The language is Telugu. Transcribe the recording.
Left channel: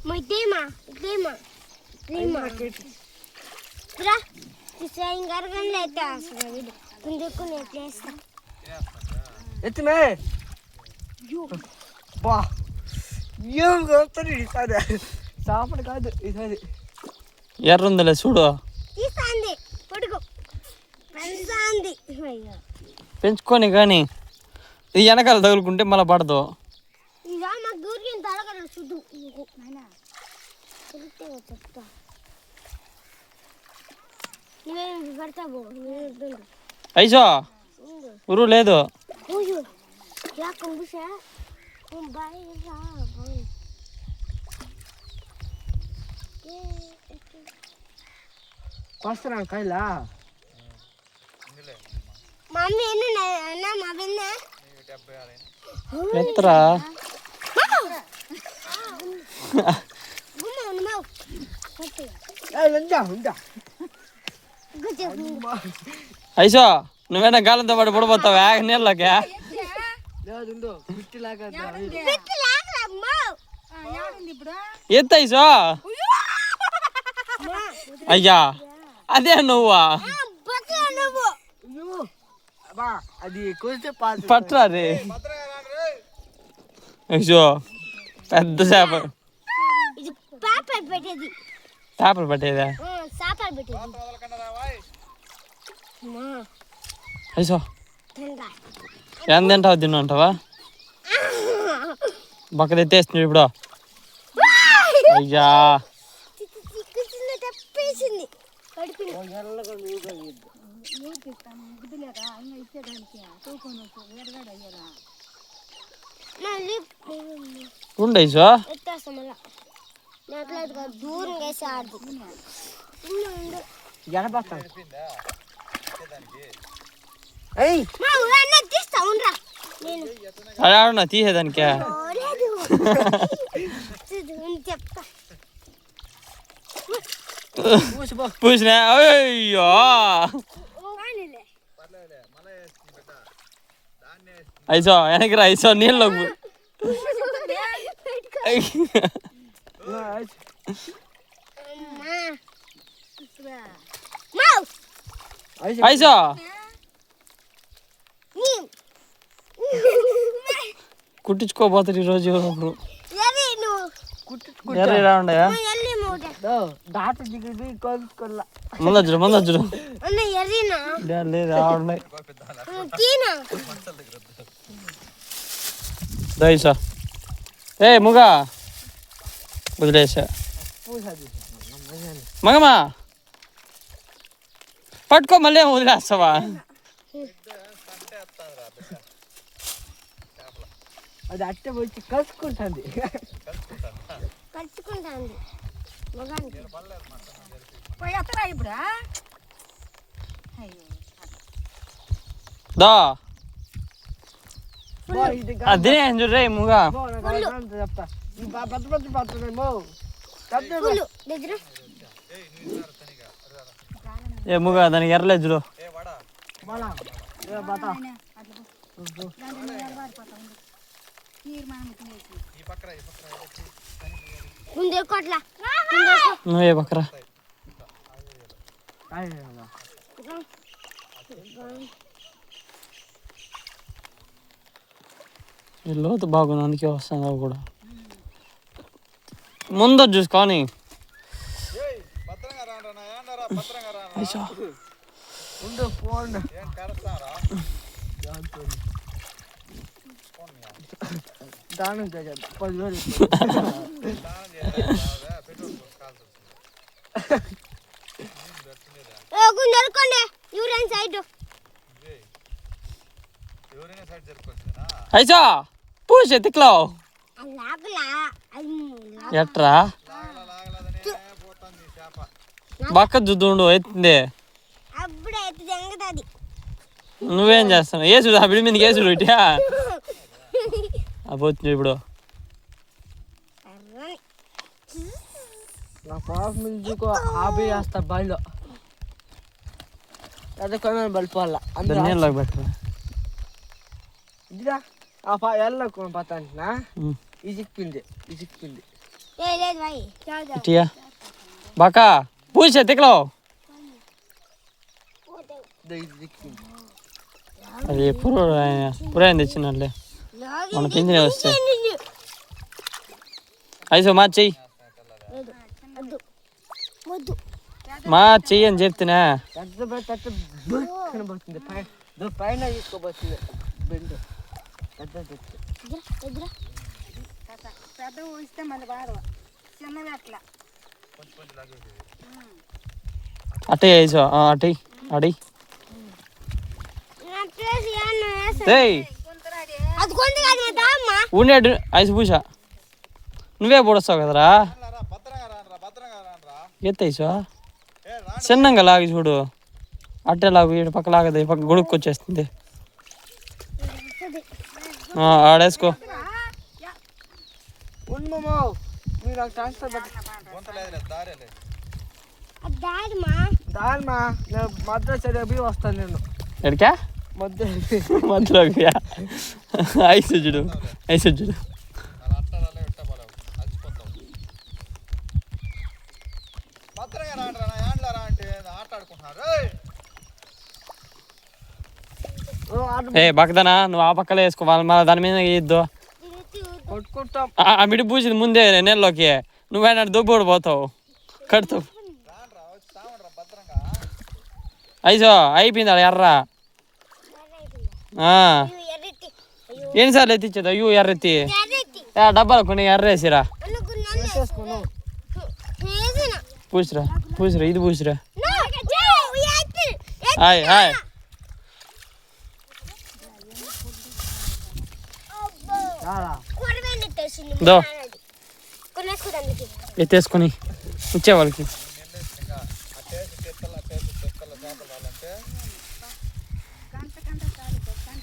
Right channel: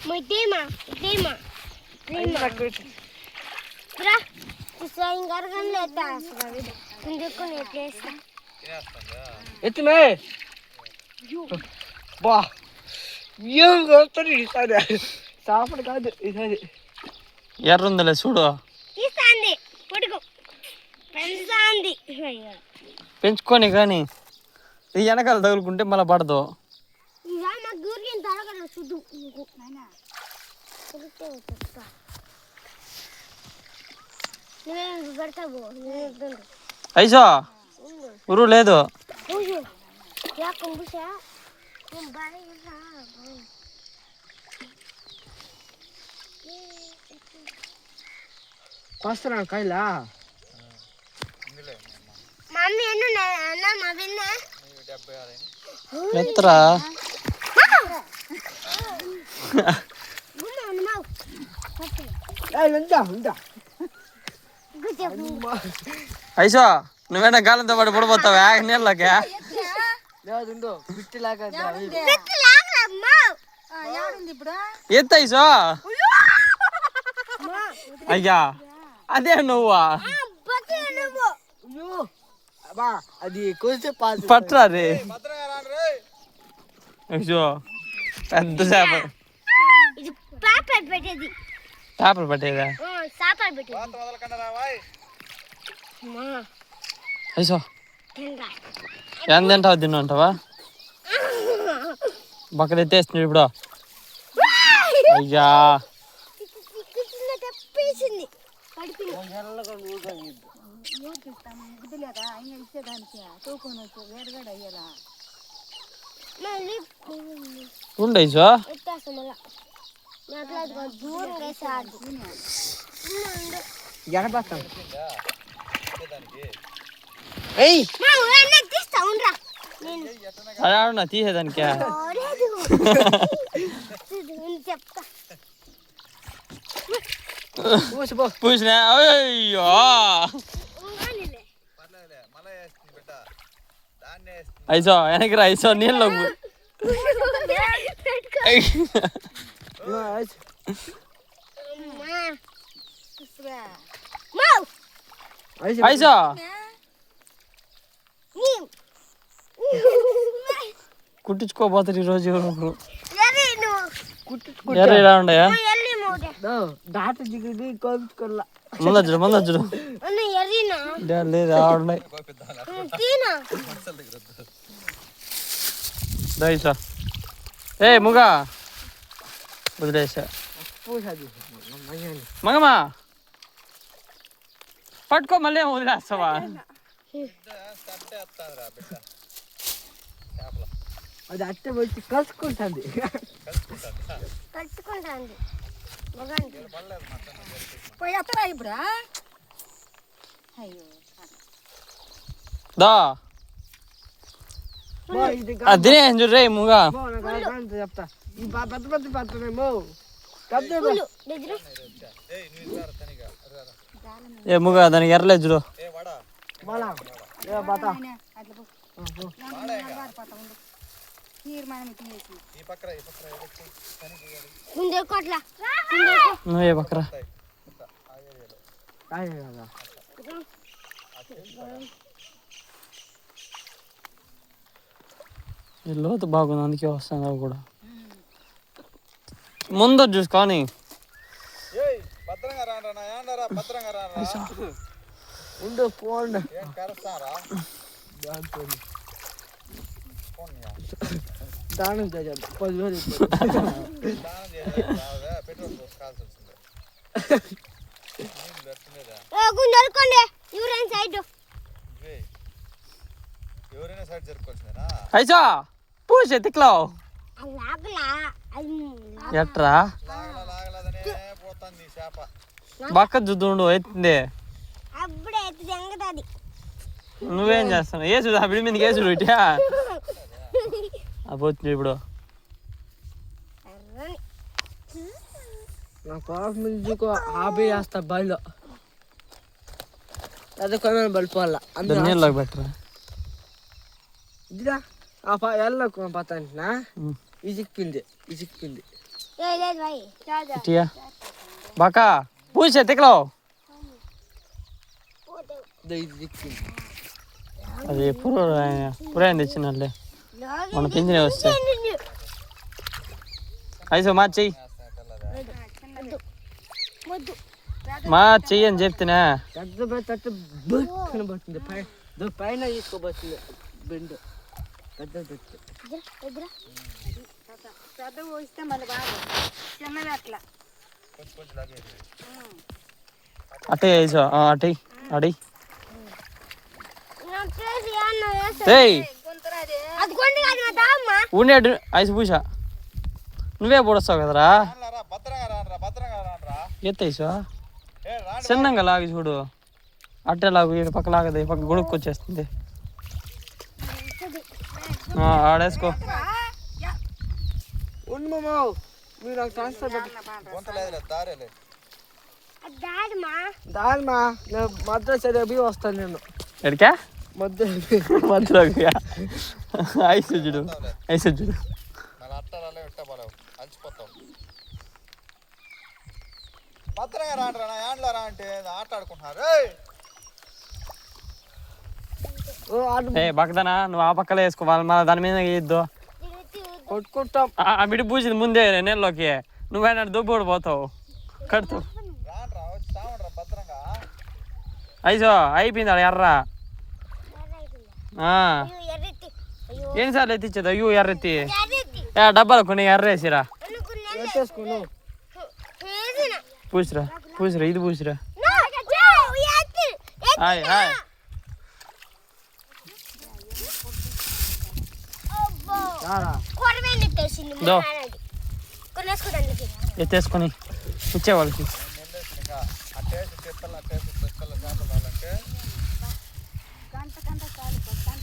Tema. Bra, isso aí engargaleta, vida. Quando eu conheço. ఎత్తుమే బా ఏం కొడుతుంది ఈసారి చేపలు కాదు ఈసారి ఎర్రుందిలే చూడు తీసాంది పడుకో పెంచాంది పెంచుకొని కానీ ఇది వెనకాల తగులుకుంటే మళ్ళీ పడదు ఇవా మా గూరికి తలగడ చూడు నేను పెడతావు ఐసో ఉరు లేదు యా కొంబుషా బాయ్ రా వస్తున్నాను కైలా మమ్మీ ఎన్ను అన్న మా విన్న ఎత్తరా ఐసో నువ్వేనా గాలంతో పాటు పడిపోతావా నీళ్ళకే ఎత్త ఐసో అయ్యా అదే నువ్వా అది కొంచెం పట్టరా రే ఐసో పెద్ద చేప చేపలు పట్టేదా ఐసో ఎంత తింటావు తిన్నంటావా బక్కలు ఎత్తేస్తుంది ఇప్పుడు అయ్యా ఉండు ఐసో అలా తీసేదానికి పూసినా అయ్యో ఐసో వెనక్కి రా ఐసో నీళ్ళు ఐసో కుట్టించుకోపోతారు ఈరోజు ఎవరు ఎర్ర ఉండయా ముందొచ్చుడు లేదు ఆడున్నాయి దయసా ఏ ముగా వదిలేసా మగమా పట్టుకో మళ్ళీ వదిలేస్తావా అది అట్టే వచ్చి కలుసుకుంటుంది దా అదే చూడరే ముగా చెప్తా పెద్ద పెద్ద పడుతున్నామో ఏ ముగా దానికి ఎర్రలేదు చూడు నువ్వే పక్కరా లోతు బాగుంది అందుకే వస్తాను అవి కూడా ముందు చూసుకొని దానం 10,000 ఐసా పూసి ఎత్తుక్లో ఎట్రా బక్క జుద్దుండు ఎత్తుంది నువ్వేం చేస్తావు ఏసుడు ఆ బిడి మీదకి ఏసుడు ఇటా పోతుంది ఇప్పుడు హాబీ చేస్తా బాయిలో అదే కొన్ని బలిపోవాల నీళ్ళకి పెట్టరా ఇదిరా ఎల్ల పతాంటినా ఇజిక్కింది లేదు भाई చాలు ఇటియా బాకా పూసే తిక్కలో అది పురాయింది ఇచ్చినట్లే మన పింఛనే వస్తే ఐసో మా చెయ్యి మా చెయ్యి అని చెప్తున్నా కనబడుతుంది పైన తీసుకోబోతుంది బెండు పెద్ద ఊస్తే మళ్ళీ బాగా చిన్నది అట్లా అటే ఐసో అటే అడి నా ప్లేస్ యాను ఏయ్ అది కొండి కాదు మా తామ్మ ఉండేడు ఐసు పూసా నువ్వే పొడస్తావు కదరా ఎత్తేసో చిన్నంగా లాగి చూడు అట్టే లాగు ఈడు పక్క లాగదు పక్క గుడుక్కొచ్చేస్తుంది ఆడేసుకో మీరు నాకు ట్రాన్స్ఫర్ డాడ్ మా దాల్మా నేను మద్రాసు అవి వస్తాను నేను ఎడికా మద్రాసు మధ్యలోకి ఐసు చూడు ఐసు చూడు ఏ బక్కదనా నువ్వు ఆ పక్కలో వేసుకో వాళ్ళ దాని మీద వేయద్దు కొట్టుకుంటాం ఆ బిడి పూసింది ముందే నెలలోకి నువ్వైనా దుబ్బోడు పోతావు కడుతూ ఐసో అయిపోయింది ఆడ ఎర్ర ఎర్రెత్తి ఎన్నిసార్లు ఎత్తిచ్చేది అయ్యో ఎర్రెత్తి ఎర్రెత్తి డబ్బాలు కొన్ని ఎర్ర వేసిరా అనుకున్నాను వేసేసుకోను చేసిన పూసిరా పూసిరా ఇది పూసిరా నో ఎత్తి హాయ్ హాయ్ అబ్బో రారా కొరవేని ఎత్తేసింది దో. కొనేసుకోవడానికి ఎత్తేసుకొని ఇచ్చే వాళ్ళకి